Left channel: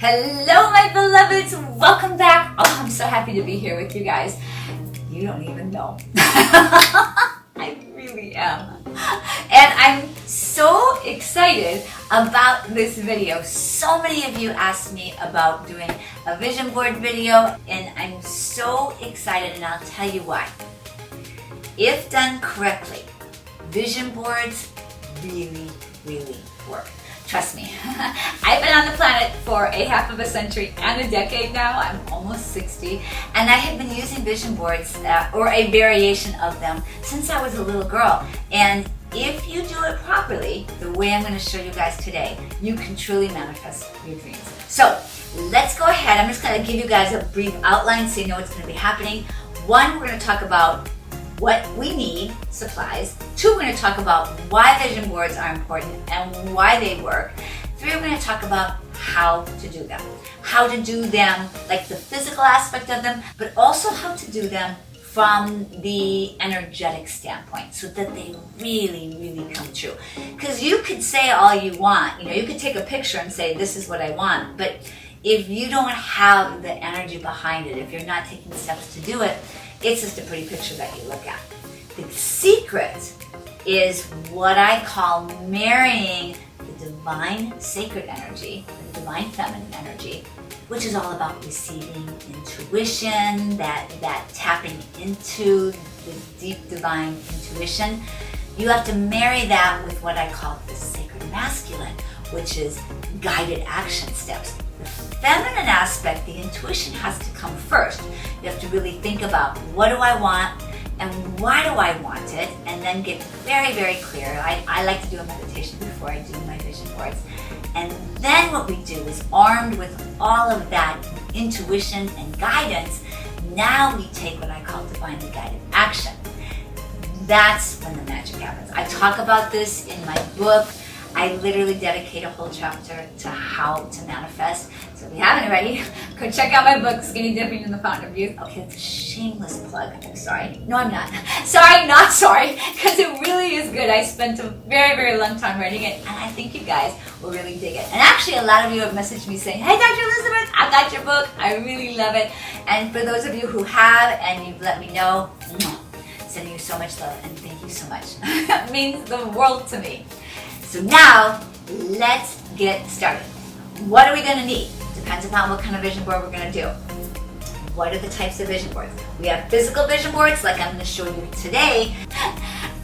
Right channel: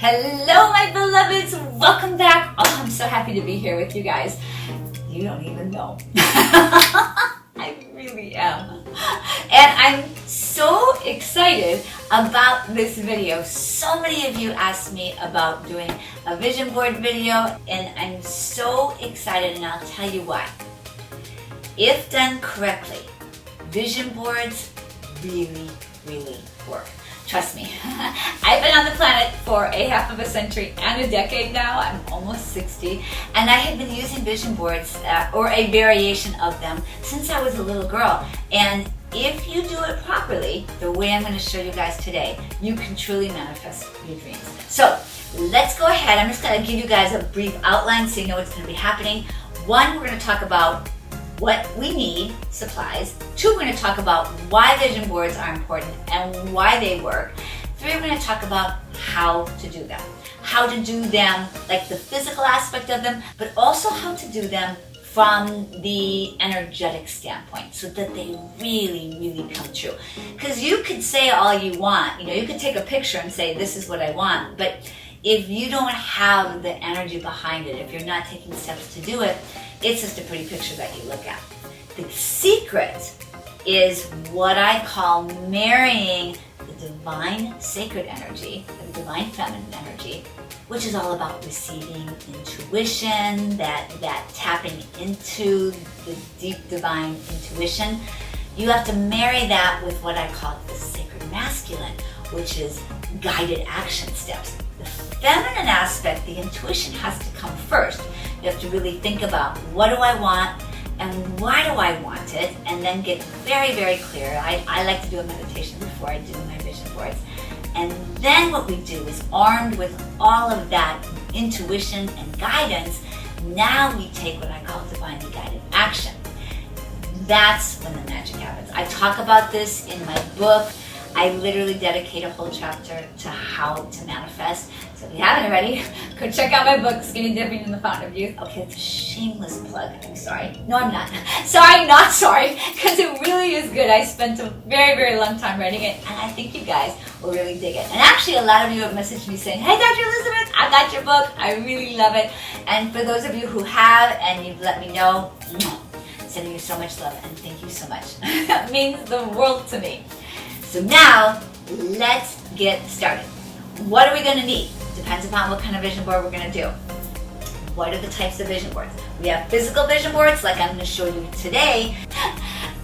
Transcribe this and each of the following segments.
Hello, my beloveds. Welcome back. Oh, I'm so happy to be here with you guys. You don't even know. I really am. And I'm so excited about this video. So many of you asked me about doing a vision board video, and I'm so excited, and I'll tell you why. If done correctly, vision boards really work. Trust me. I've been on the planet for a half of a century and a decade now. I'm almost 60, and I have been using vision boards or a variation of them since I was a little girl. And if you do it properly, the way I'm going to show you guys today, you can truly manifest your dreams. So let's go ahead. I'm just going to give you guys a brief outline so you know what's going to be happening. One, we're going to talk about what we need, supplies. Two, we're going to talk about why vision boards are important and why they work. Three, we're going to talk about how to do them. How to do them, like the physical aspect of them, but also how to do them from the energetic standpoint so that they really come true. Because you could say all you want, you could take a picture and say, this is what I want, but if you don't have the energy behind it, if you're not taking steps to do it, it's just a pretty picture that you look at. The secret is what I call marrying the divine sacred energy, the divine feminine energy, which is all about receiving intuition, that tapping into the deep divine intuition. You have to marry that with what I call the sacred masculine, which is guided action steps. The feminine aspect, the intuition, has to come first. You have to really think about, what do I want and why do I want it, and then get very clear. I like to do a meditation before I do my vision boards. And then what we do is, armed with all of that intuition and guidance, now we take what I call divinely guided action. That's when the magic happens. I talk about this in my book. I literally dedicate a whole chapter to how to manifest. So if you haven't already, go check out my book, Skinny Dipping in the Fountain of Youth. Okay, it's a shameless plug. I'm sorry. No, I'm not. Sorry, not sorry, because it really is good. I spent a very long time writing it, and I think you guys will really dig it. And actually, a lot of you have messaged me saying, hey, Dr. Elizabeth, I got your book. I really love it. And for those of you who have, and you've let me know, sending you so much love, and thank you so much. It means the world to me. So now, let's get started. What are we going to need? Depends upon what kind of vision board we're going to do. What are the types of vision boards? We have physical vision boards, like I'm going to show you today,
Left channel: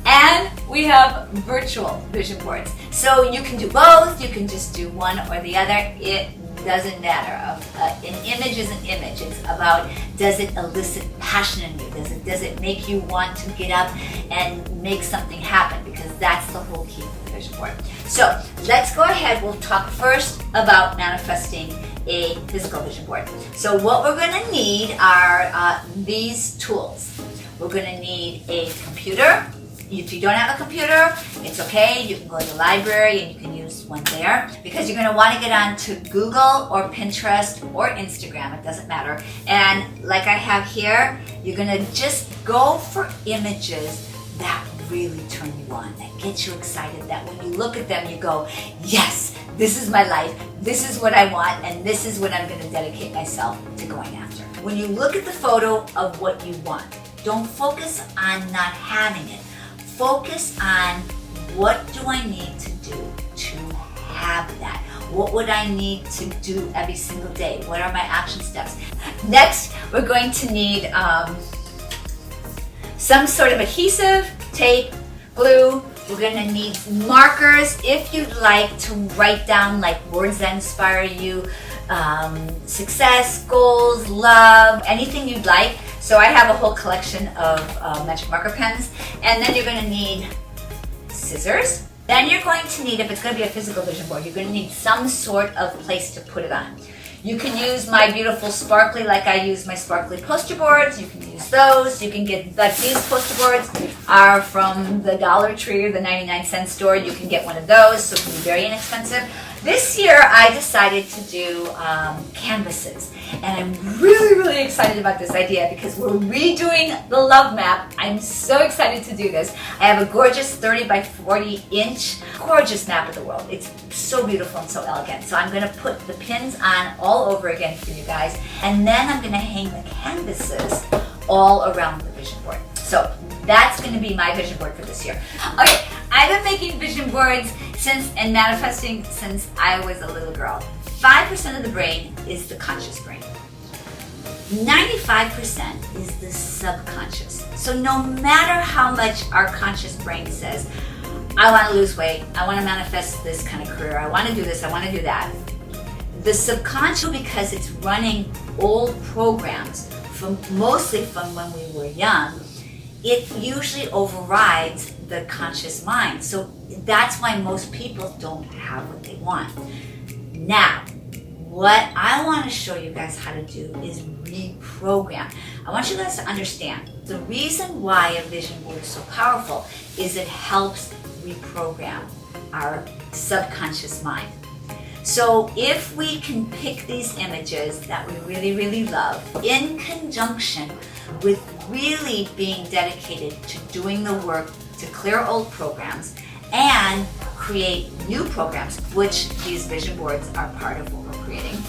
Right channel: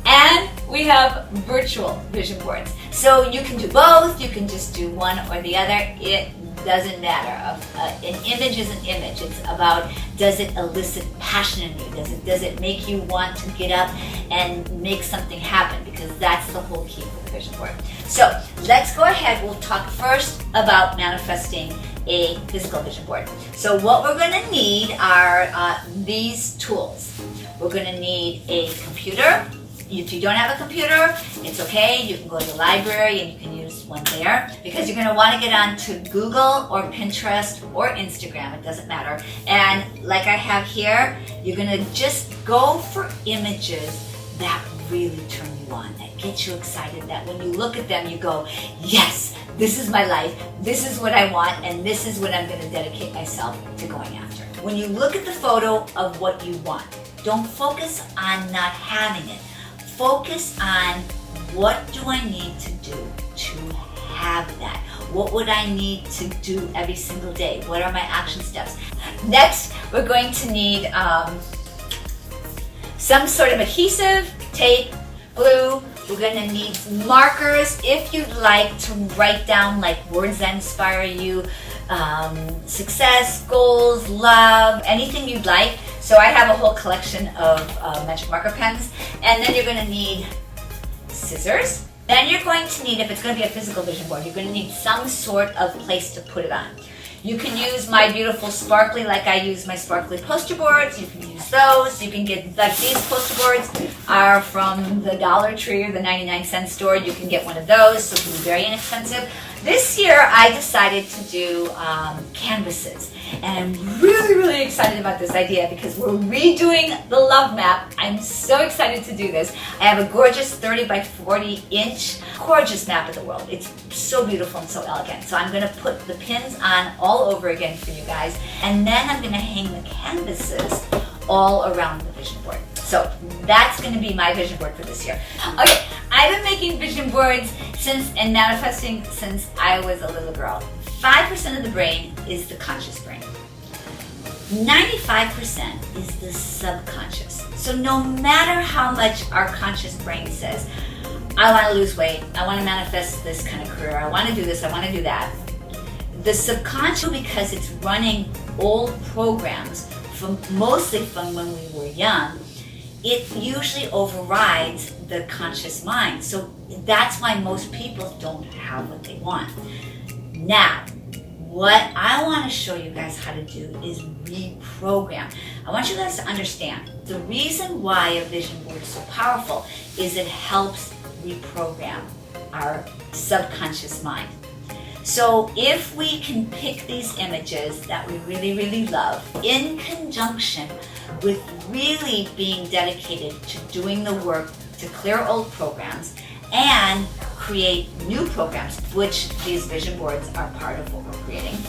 and we have virtual vision boards. So you can do both, you can just do one or the other. It doesn't matter. An image is an image. It's about, does it elicit passion in you? Does it make you want to get up and make something happen? Because that's the whole key for the vision board. So let's go ahead. We'll talk first about manifesting a physical vision board. So what we're going to need are these tools. We're going to need a computer. If you don't have a computer, it's okay. You can go to the library and you can use one there, because you're going to want to get onto Google or Pinterest or Instagram. It doesn't matter. And like I have here, you're going to just go for images that really turn you on, that get you excited, that when you look at them, you go, yes, this is my life. This is what I want, and this is what I'm going to dedicate myself to going after. When you look at the photo of what you want, don't focus on not having it. Focus on, what do I need to do to have that? What would I need to do every single day? What are my action steps? Next, we're going to need some sort of adhesive, tape, glue. We're going to need markers if you'd like to write down like words that inspire you, success, goals, love, anything you'd like. So I have a whole collection of magic marker pens. And then you're going to need scissors. Then you're going to need, if it's going to be a physical vision board, you're going to need some sort of place to put it on. You can use my beautiful sparkly, like I use my sparkly poster boards. You can use use those. You can get, like these poster boards are from the Dollar Tree or the 99-cent store. You can get one of those, so it can be very inexpensive. This year I decided to do canvases, and I'm really excited about this idea because we're redoing the love map. I'm so excited to do this. I have a gorgeous 30 by 40 inch gorgeous map of the world. It's so beautiful and so elegant. So I'm going to put the pins on all over again for you guys, and then I'm going to hang the canvases all around the vision board. So that's going to be my vision board for this year. Okay, I've been making vision boards and manifesting since I was a little girl. 5% of the brain is the conscious brain. 95% is the subconscious. So no matter how much our conscious brain says, I want to lose weight, I want to manifest this kind of career, I want to do this, I want to do that, the subconscious, because it's running old programs mostly from when we were young, it usually overrides the conscious mind. So that's why most people don't have what they want. Now, what I want to show you guys how to do is reprogram. I want you guys to understand the reason why a vision board is so powerful is it helps reprogram our subconscious mind. So if we can pick these images that we really love in conjunction with really being dedicated to doing the work to clear old programs and create new programs, which these vision boards are part of what we're creating,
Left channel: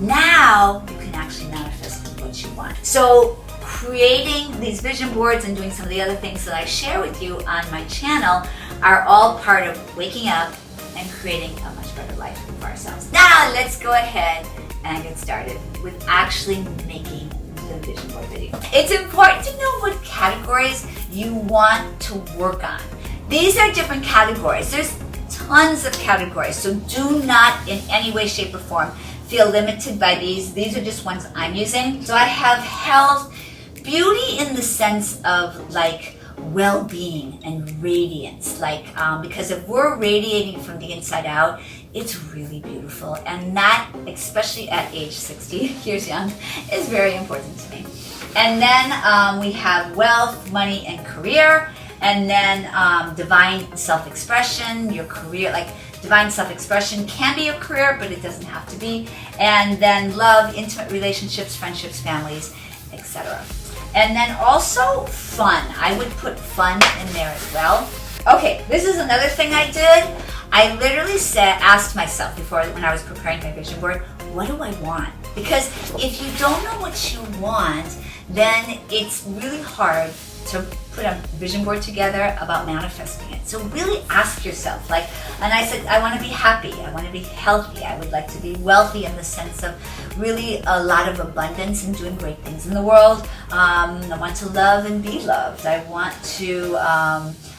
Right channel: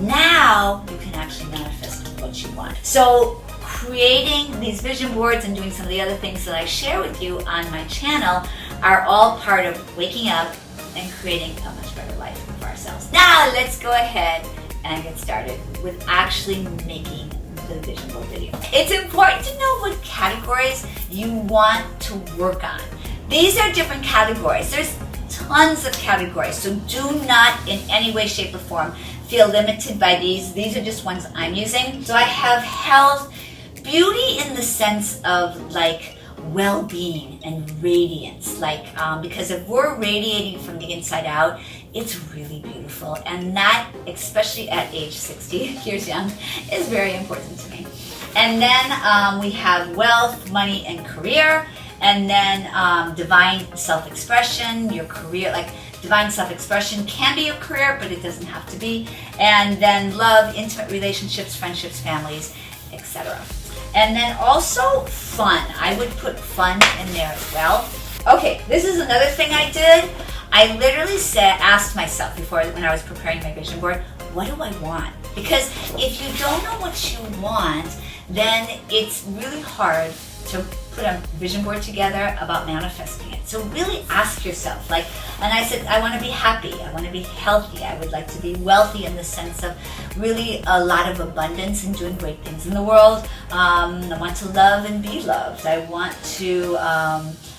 now you can actually manifest what you want. So creating these vision boards and doing some of the other things that I share with you on my channel are all part of waking up and creating a much better life for ourselves. Now let's go ahead and get started with actually making the vision board video. It's important to know what categories you want to work on. These are different categories. There's tons of categories, so do not in any way, shape, or form feel limited by these. These are just ones I'm using. So I have health, beauty in the sense of like well-being and radiance, like because if we're radiating from the inside out, it's really beautiful, and that, especially at age 60 years young, is very important to me. And then we have wealth, money, and career, and then divine self-expression, your career, like divine self-expression can be your career, but it doesn't have to be. And then love, intimate relationships, friendships, families, etc. And then also fun. I would put fun in there as well. Okay, this is another thing I did. I literally asked myself before, when I was preparing my vision board, what do I want? Because if you don't know what you want, then it's really hard to put a vision board together about manifesting it. So really ask yourself, like, and I said, I want to be happy, I want to be healthy, I would like to be wealthy in the sense of really a lot of abundance and doing great things in the world. I want to love and be loved. I want to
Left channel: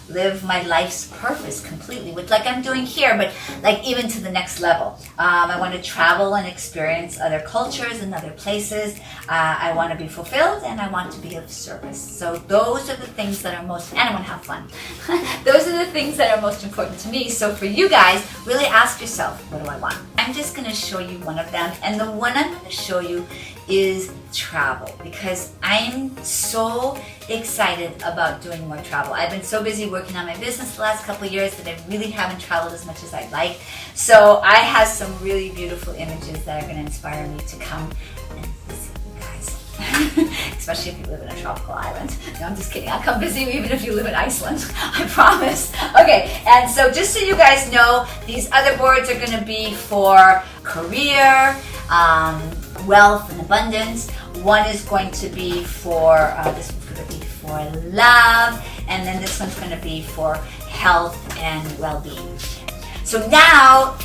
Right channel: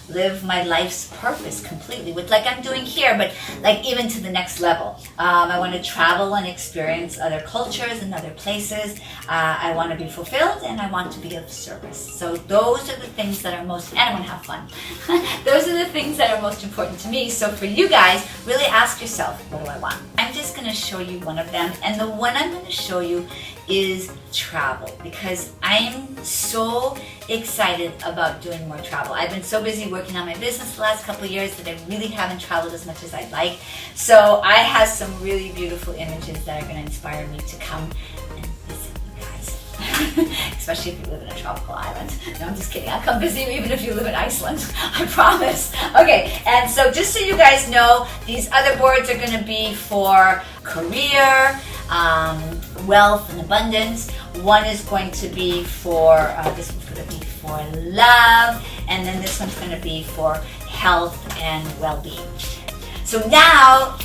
live my life's purpose completely, with like I'm doing here, but like even to the next level. I want to travel and experience other cultures and other places. I want to be fulfilled, and I want to be of service. So those are the things that are most, and I want to have fun. Those are the things that are most important to me. So for you guys, really ask yourself, what do I want? I'm just going to show you one of them, and the one I'm going to show you is travel, because I'm so excited about doing more travel. I've been so busy working on my business the last couple of years that I really haven't traveled as much as I'd like. So I have some really beautiful images that are going to inspire me to come and visit you guys. Especially if you live in a tropical island. No, I'm just kidding. I'll come visit you even if you live in Iceland. I promise. Okay, and so just so you guys know, these other boards are going to be for career, wealth and abundance. One is going to be for, this one's going to be for love, and then this one's going to be for health and well-being. So now,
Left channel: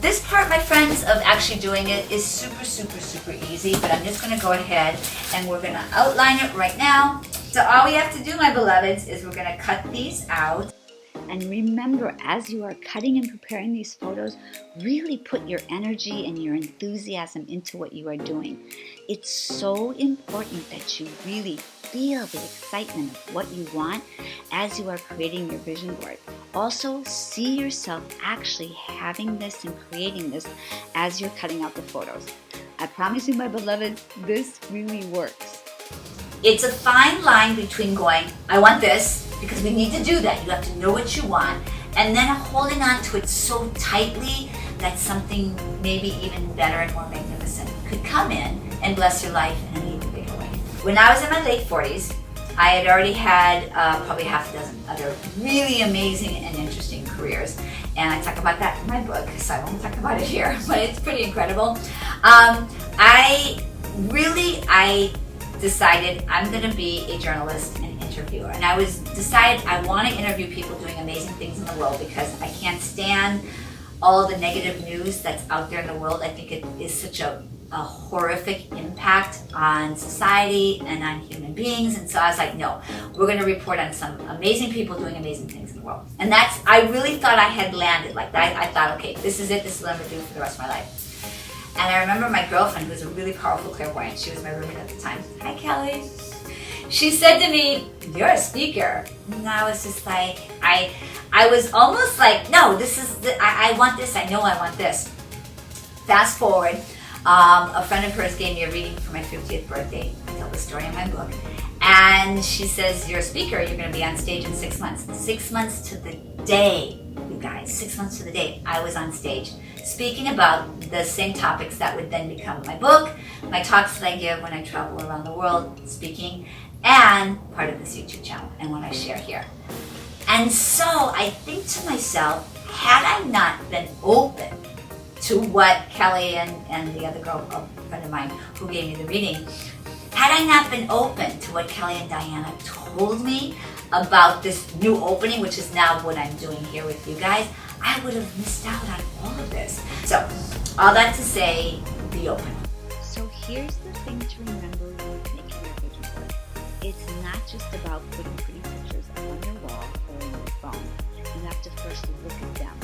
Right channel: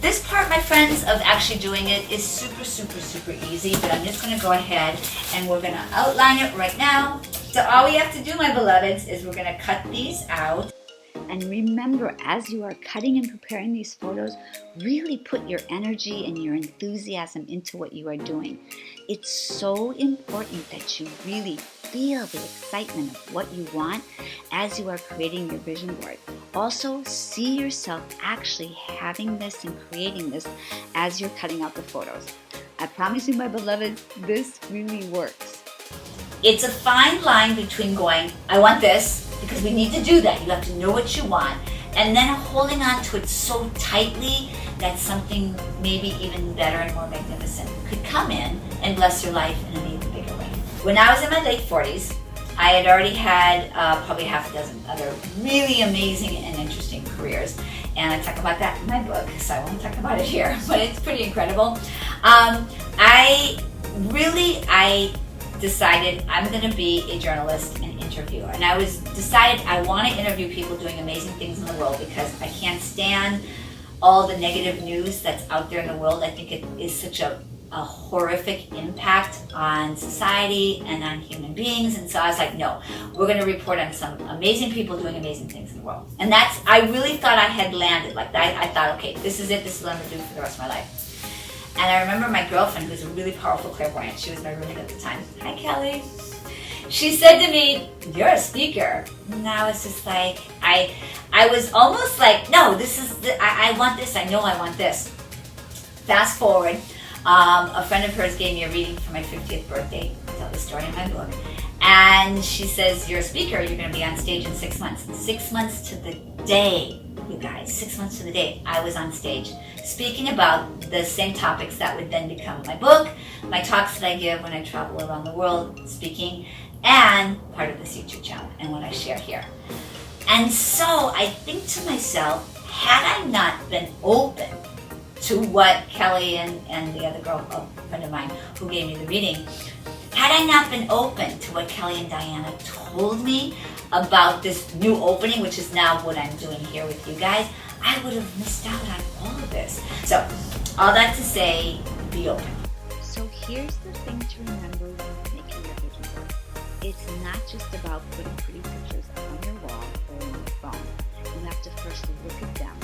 this part, my friends, of actually doing it is super easy, but I'm just going to go ahead and we're going to outline it right now. So all we have to do, my beloveds, is we're going to cut these out. And remember, as you are cutting and preparing these photos, really put your energy and your enthusiasm into what you are doing. It's so important that you really feel the excitement of what you want as you are creating your vision board. Also, see yourself actually having this and creating this as you're cutting out the photos. I promise you, my beloveds, this really works. it's a fine line between going, I want this, because we need to do that. You have to know what you want. And then holding on to it so tightly that something maybe even better and more magnificent could come in and bless your life in an even bigger way. When I was in my late 40s, I had already had probably half a dozen other really amazing and interesting careers. And I talk about that in my book, so I won't talk about it here, but it's pretty incredible. I decided I'm gonna be a journalist and interviewer. And I decided I wanna interview people doing amazing things in the world because I can't stand all the negative news that's out there in the world. I think it is such a horrific impact on society and on human beings. And so I was like, no, we're gonna report on some amazing people doing amazing things in the world. And I really thought I had landed like that. I thought, okay, this is it, this is what I'm gonna do for the rest of my life. And I remember my girlfriend, who was a really powerful clairvoyant, she was my roommate at the time. Hi, Kelly. She said to me, you're a speaker. And I was just like, I was almost like, no, this is, I want this, I know I want this. Fast forward, a friend of hers gave me a reading for my 50th birthday. I tell the story in my book. And she says, you're a speaker, you're gonna be on stage in 6 months. 6 months to the day, you guys, 6 months to the day, I was on stage speaking about the same topics that would then become my book, my talks that I give when I travel around the world speaking, and part of this YouTube channel and what I share here. And so I think to myself, had I not been open to what Kelly and the other girl, a friend of mine who gave me the reading, had I not been open to what Kelly and Diana told me about this new opening, which is now what I'm doing here with you guys, I would have missed out on all of this. So, all that to say, be open. So here's the thing to remember when making your vision board. It's not just about putting pretty pictures up on your wall or on your phone. You have to first look at them,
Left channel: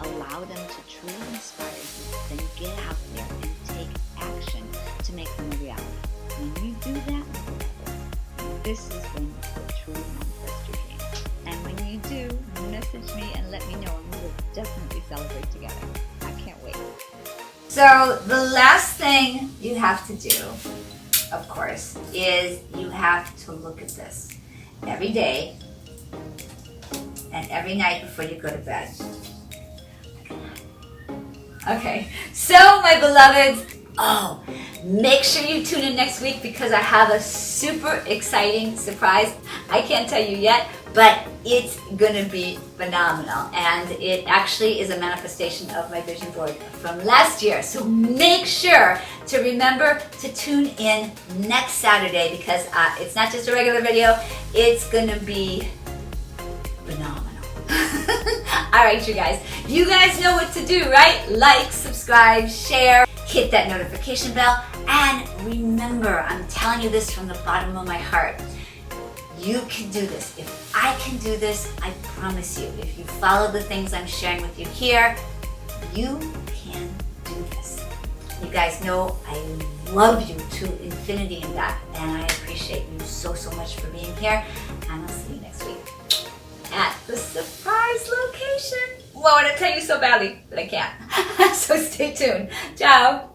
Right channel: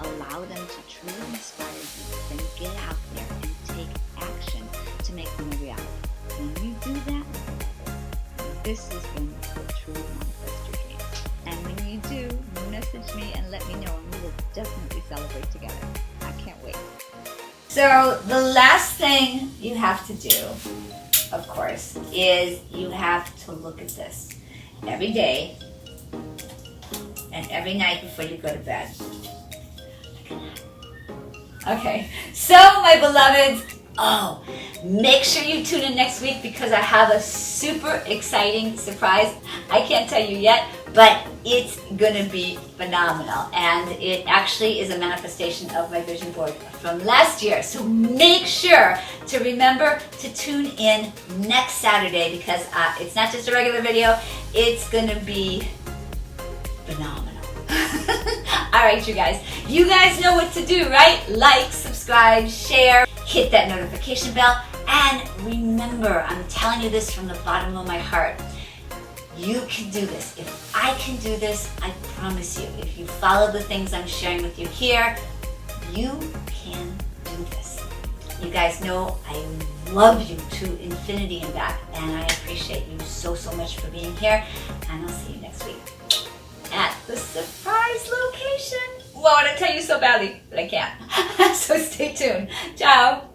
allow them to truly inspire you, then get out there and take action to make them a reality. When you do that, this is when you will truly manifest your dreams. And when you do, message me and let me know, and we will definitely celebrate together. I can't wait. So the last thing you have to do, of course, is you have to look at this every day and every night before you go to bed. Okay, so my beloveds, make sure you tune in next week because I have a super exciting surprise. I can't tell you yet, but it's gonna be phenomenal. And it actually is a manifestation of my vision board from last year. So make sure to remember to tune in next Saturday because it's not just a regular video, it's gonna be phenomenal. All right, you guys know what to do, right? Like, subscribe, share, hit that notification bell, and remember, I'm telling you this from the bottom of my heart, you can do this. If I can do this, I promise you, if you follow the things I'm sharing with you here, you can do this. You guys know I love you to infinity and back, and I appreciate you so much for being here, and I'll see you next week at the surprise location. Well, I want to tell you so badly, but I can't. So stay tuned. Ciao.